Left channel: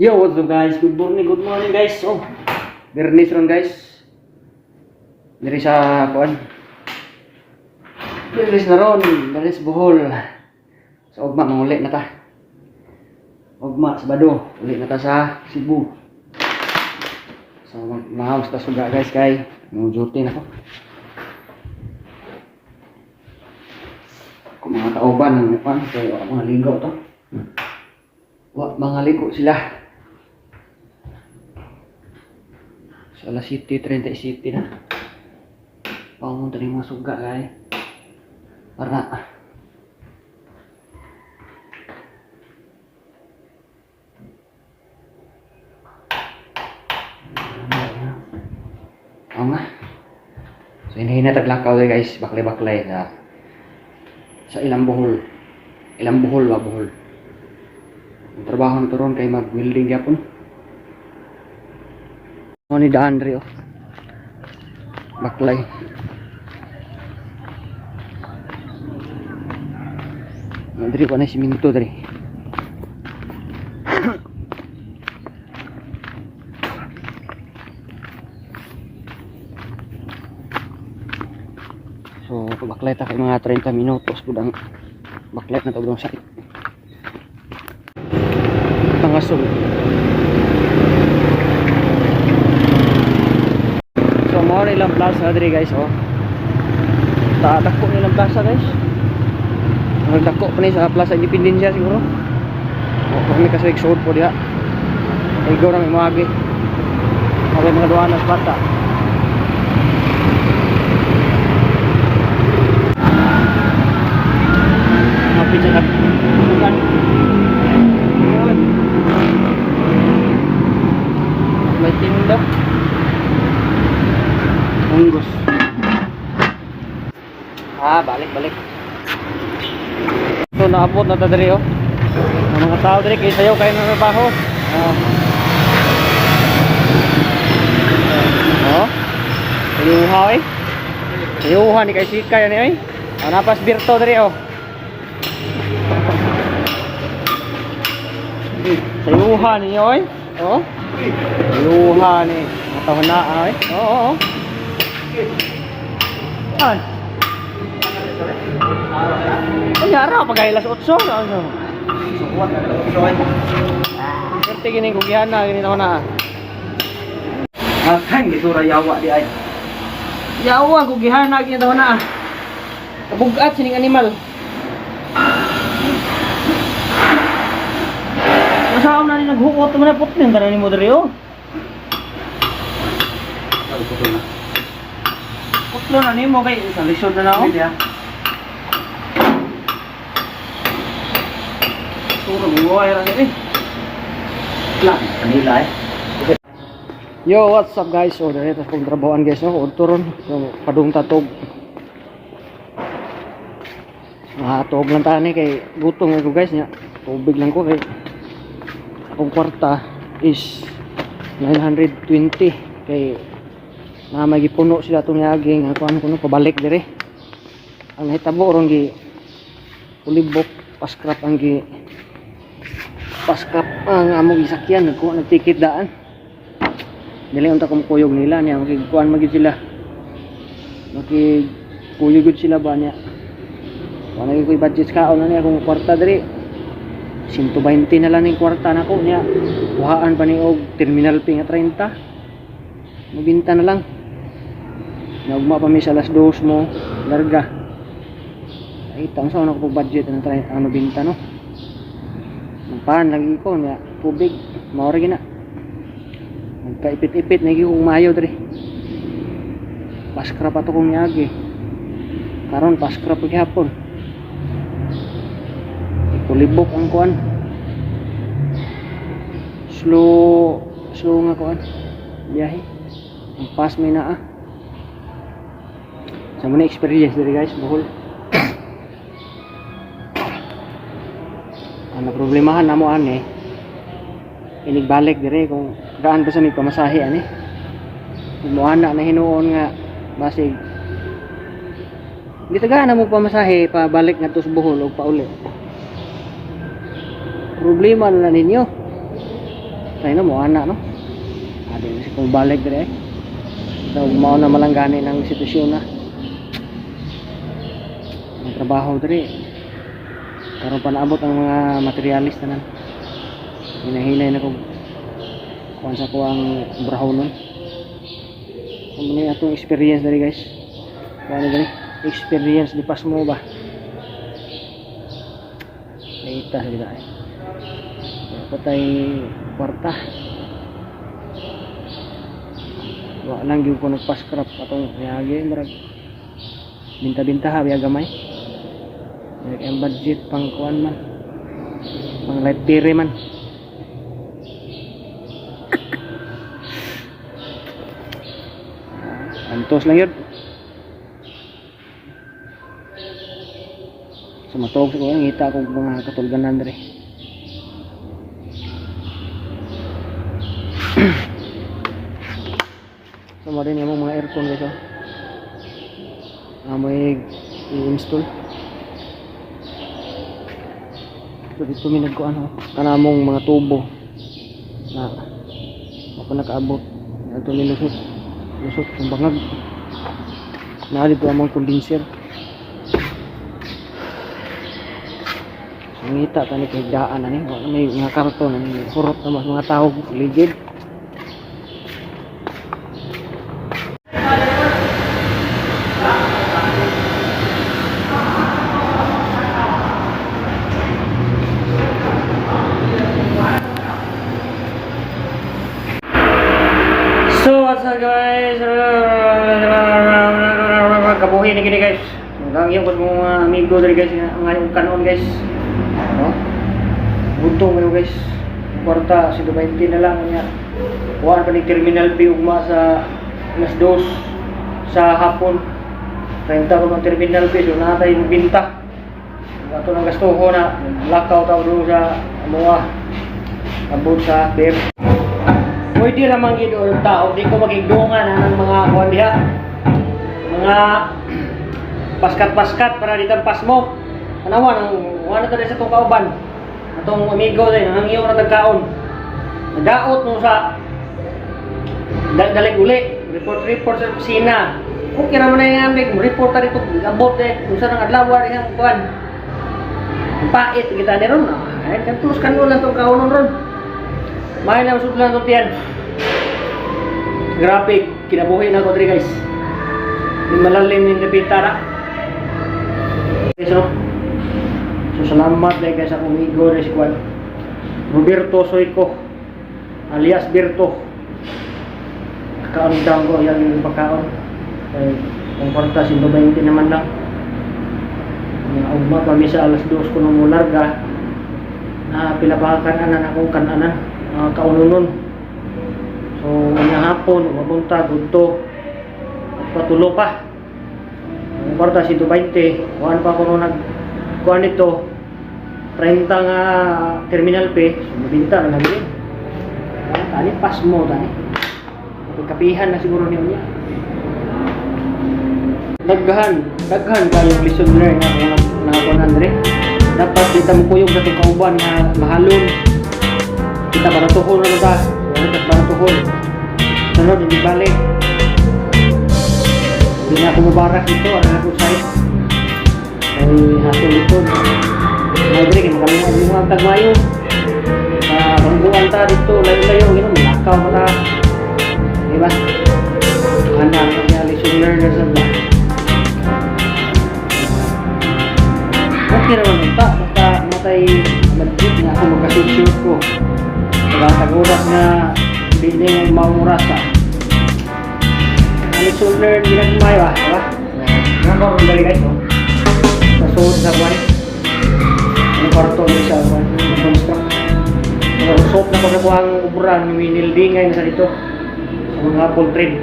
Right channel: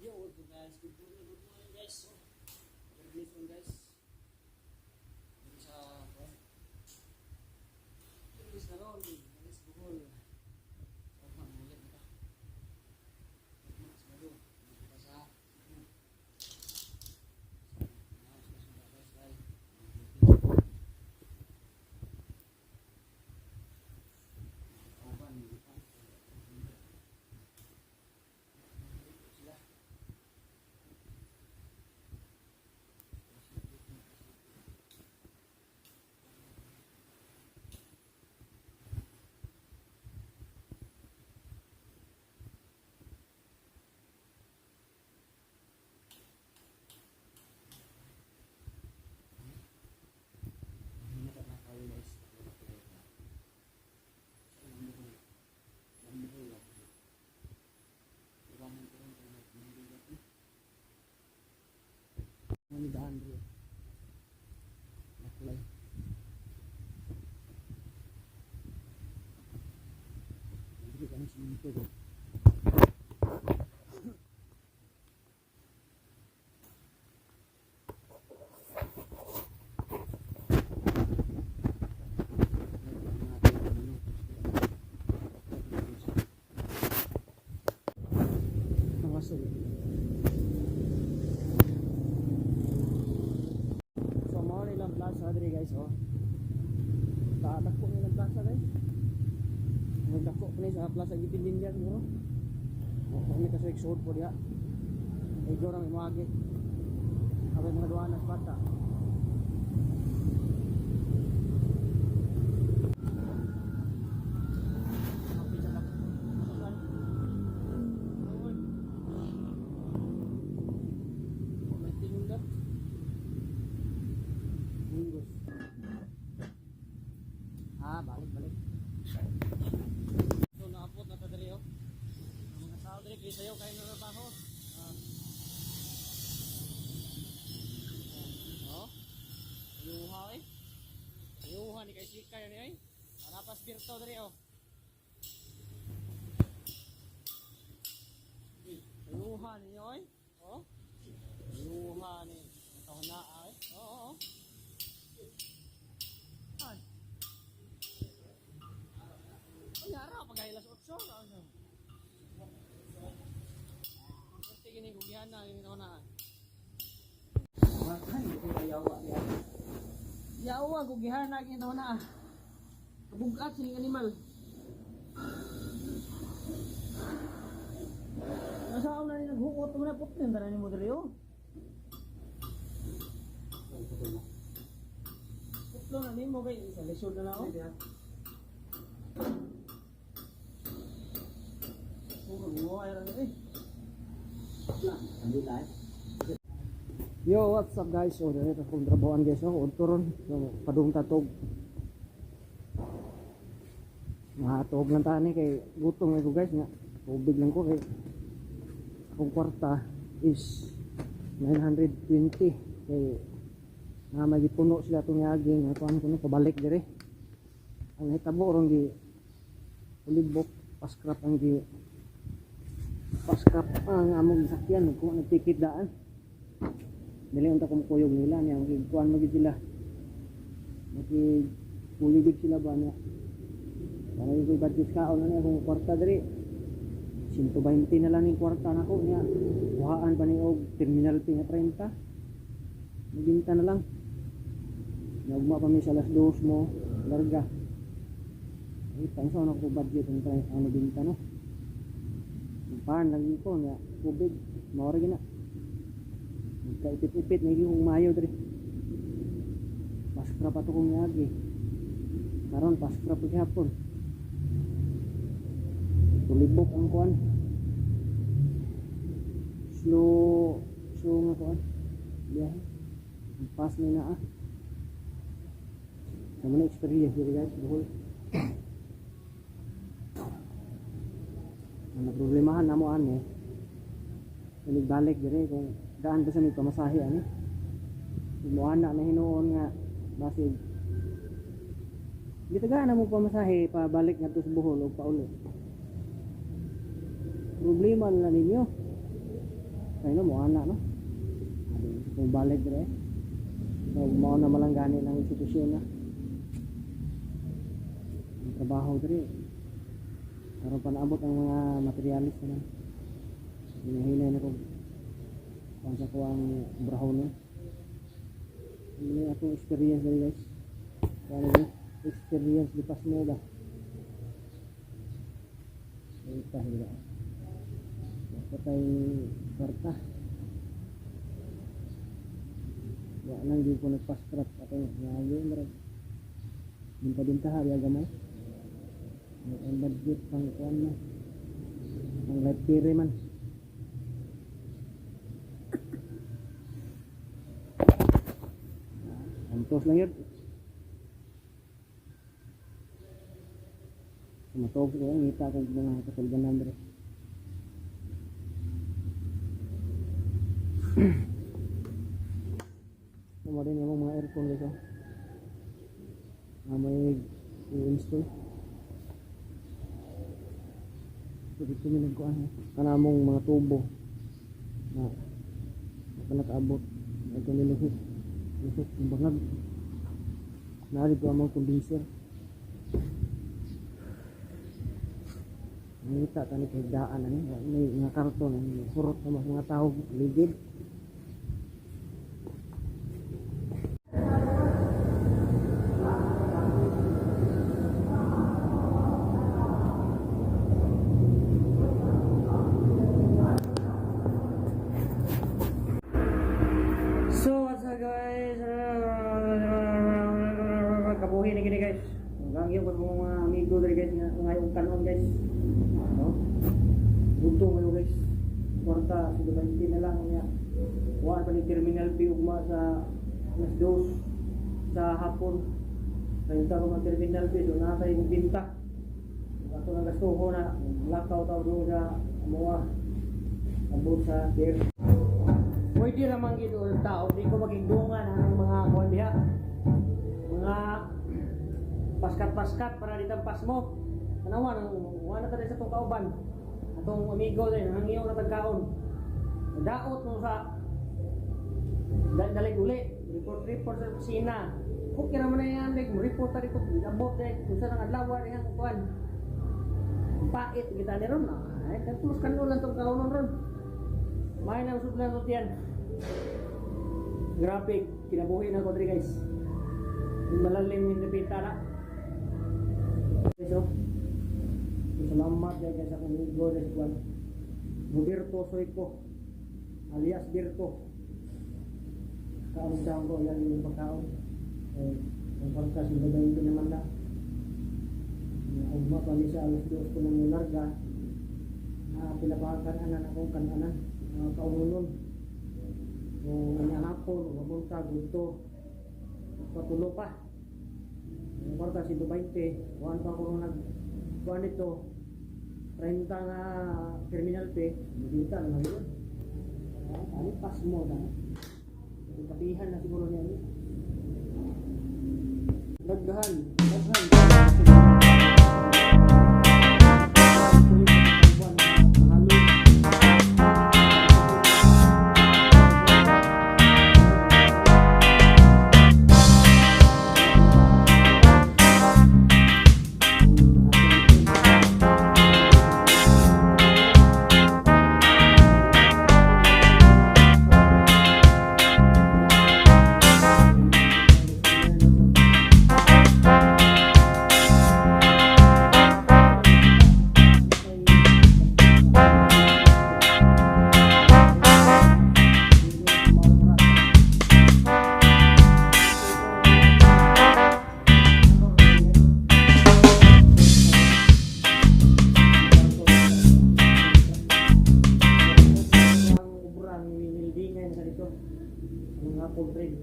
Yo, what's up guys? Good morning guys. Oh, Bernis ron guys. Diri sa kuan. Bernis na ron, Bernis Bohol. Sa ugma manguli na ta. Ugma sa Bado, uli na ta sa Cebu. So mahaws ta suga guys kay mo duty na ko. Kung mga kauban ng kuan kay mga ligaw to. Mga ligo sila. Sa alas 7:37 na. Pangunta rin mga suga kay. Para oo nga. So hinahin na taglakaw guys. Baklay-baklay sa ilang buhol. Ilang buhol ba buhol. Ang trabaho nito ron kay mag-welding yapon. Ano ni Dandre oh. Baklay. Mandri pa na siminto dre. So baklay ta kay mga 30 minutos budang baklay na to budang sakit. Pangasog. So mao nilang plaza diri guys oh. Dako nilang plaza guys. Nagdako pa ni sa Plaza Independencia siguro. O kami kasi exod po diha. Igo na may magi. Kami mga duanas bata. Kapit sa kan. May tinda. Unggos. Balik. So naabot na ta diri oh. Ang mga tao diri kay sayo kay na trabaho. Oh. Sayuha eh. Sayuha ni kay sikay ani oy. Napas birto diri oh. Sayuha ni oy. Oh. Sayuha ni matahon na ay. Oo. An. Nyara pagailas 8 ano. Suwat na 8. Perti gini gugihan na gini na. Kan gisura yawa di ay. Yawa gugihan na gini na. Kabugat sining animal. Nasaam na ni naghuot man putin tanan ni mo diri oh. Putlo na ni mo kay sa lisod na ako. Yo, what's up guys? So, dito kong trabahoan guys, no? Turon, so, padung tatog. Tog lang tani kay gutong ako guys niya. Tubig lang ko kay akong kwarta is 920 kay na magipuno sila tong yaging ako ano kuno pabalik dire. Ang nahitabo ron gi ulibok paskrap ang gi paskrap ang among gisakyan nagtikit daan dili unta kumkuyog nila niya makikuan magid sila makikuyog sila ba niya wala gyud koy budget kaon na niya kung kwarta diri 120 na lang ning kwarta nako niya kuhaan pa ni og terminal fee nga 30 mabinta na lang nagma pa mi sa alas 2 mo larga ay tang sa ako budget na ano binta no pan lagi ko niya tubig mao ra gina nagkaipit-ipit na kong mayo diri paskra pa to kong yagi karon paskra pa gyapon kulibok ang kuan slow nga kuan biyahe ang pas may naa sa muna experience diri guys Bohol. Ang problemahan namo ani inigbalik dire kung gaan pa sa may pamasahe ani mo ana na hinuon nga basig di tagaan na mo pamasahe pa balik nga to sa Bohol og pauli problema na ninyo tayo na mo ana no. Adi si kung balik dire. So mao na malanggani ng sitwasyon na. Ang trabaho dire. Karon pa naabot ang mga materialis tanan. Hinahinay na ko kuan sa ko ang brahonon. Ano ni atong experience dari guys. Kuan dari experience di pas mo ba. Ita sa gila. Patay kwarta. Wa lang gyud ko nagpa-scrap atong yagi murag binta-binta ha biya gamay. Ang budget pang kuan man. Pang light tire man. Antos lang yun. Sumatog ko ngita ko mga katulganan dere. Sama din yung mga aircon guys oh. May i-install. So dito minag ko ano kanamong mga tubo na ako nakaabot. Ito nilusot. Lusot yung bangag. Na dito among condenser. Ngita tani kay daan ani, may mga karton ani hurot na mas mga tao ligid. So what's up guys? Kabuhi ni gini guys. Hanggang yung mga amigo dali guys ngayong kanon guys. No? Buntong kayo guys. Kwarta si 20 na lang niya. Kuhaan pa ni terminal P ugma sa alas 2 sa hapon. 30 ko ng terminal P so natay binta. Ato nang gastuho na lakaw taw do sa mga abot sa beer. Pwede ramang gid tao di ko magigdungan ng mga kuan diha. Mga paskat-paskat para ditampas mo. Anawa nang wala ta sa tong kauban. Atong amigo din nang iyo na tagkaon. Nadaot mo sa dalig uli, report sa kusina. Okay naman na yung amig, report ta dito abot kung saan ang adlaw rin ang kuan. Pait kita ni ron. Ay kantus kanon lang tong kaunon ron. May na usod lang to tiyan. Graphic kinabuhi na ko diri guys. Yung malalim ni napitara. So salamat dahil guys akong amigo na si Juan Roberto Soyco alias Berto. Kaandang ko yung pagkaon kaya kung parta si 20 naman lang ugma pa misa alas 2 ko nung mularga pilapakan anan akong kananan kaununon so ngayong hapon mapunta gudto at patulo pa kung parta si 20 kuhan pa ko nung kuhan ito 30 nga terminal P so mabinta na lagi tani pas mo tani kapihan na siguro niyo niya daghan kayo lesson learn na ako nandre dapat kita mo kuyog sa kauban nga mahalon kita para tuhol na ka kita para tuhol sunod hindi balik hindi na ako mubarak ito ang ako sa'yo ay hatong likod Rodrick, kami mga tagmayo bangguan ta dito layo-layo malakaw na diba? Anak niya lesson learner sa ba okay naman ito basta matay madrid na ako magkasunsip ko pag-urat na biling maurasa lesson learner nila sumayo nakaroon bali guys nasuot sa buwan kwarto niya sa buwan construct narusok na pagkakuha ang ubran winildingay na sa dito sa mga apple trade.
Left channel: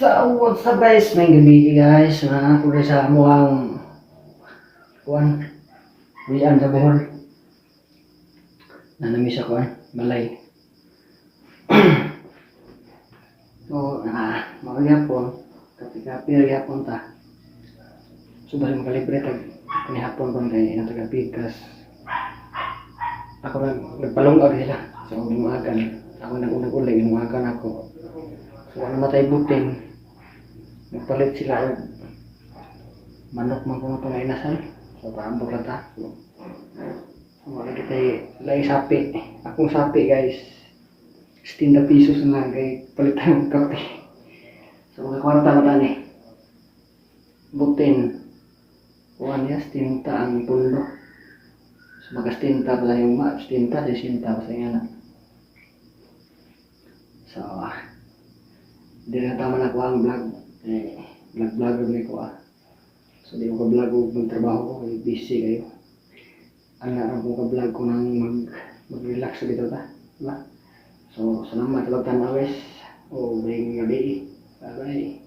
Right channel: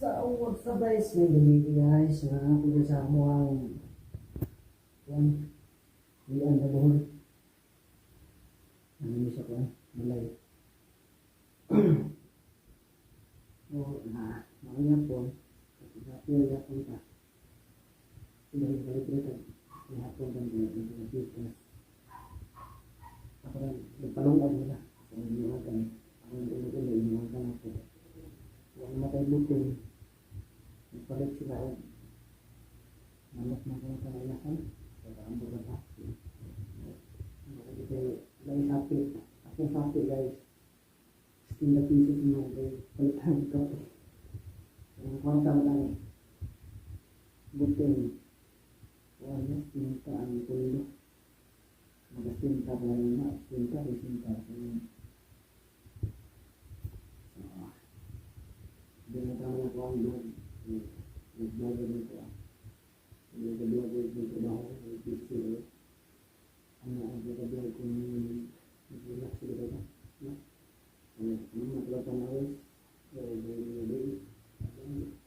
So what's up guys, may gabi guys na ako sa amuang kuwan wian sa Bohol na nami sa kuwan balay so magyapon kapi-kapi magyapon ta so bali makalibre tag kanihapon kon kay taga Pikas ako nagpalungaw sila So lumagan, ako nag-unang uli, lumagan ako. So ano matay buting, nagpalit sila og manok man kung itong inasan. So paambok lang ta. So wala kita lay sapi. Akong sapi guys, 60 pesos na lang kay palitan ng kape. So mga kwarta mo tani. Butin. Kuhan niya, stinta ang pundo. So magastinta pala yung stinta, sisinta pa sa nga. So, hindi na tama na ko ang vlog. Vlog-vlogger na ko So, di ko ka-vlog o magtrabaho ko. Busy kayo. Ang ko ka-vlog ko nang mag-relax dito ta. Diba? So, salamat. Talagtan na wes. O, may gabi. Bye-bye.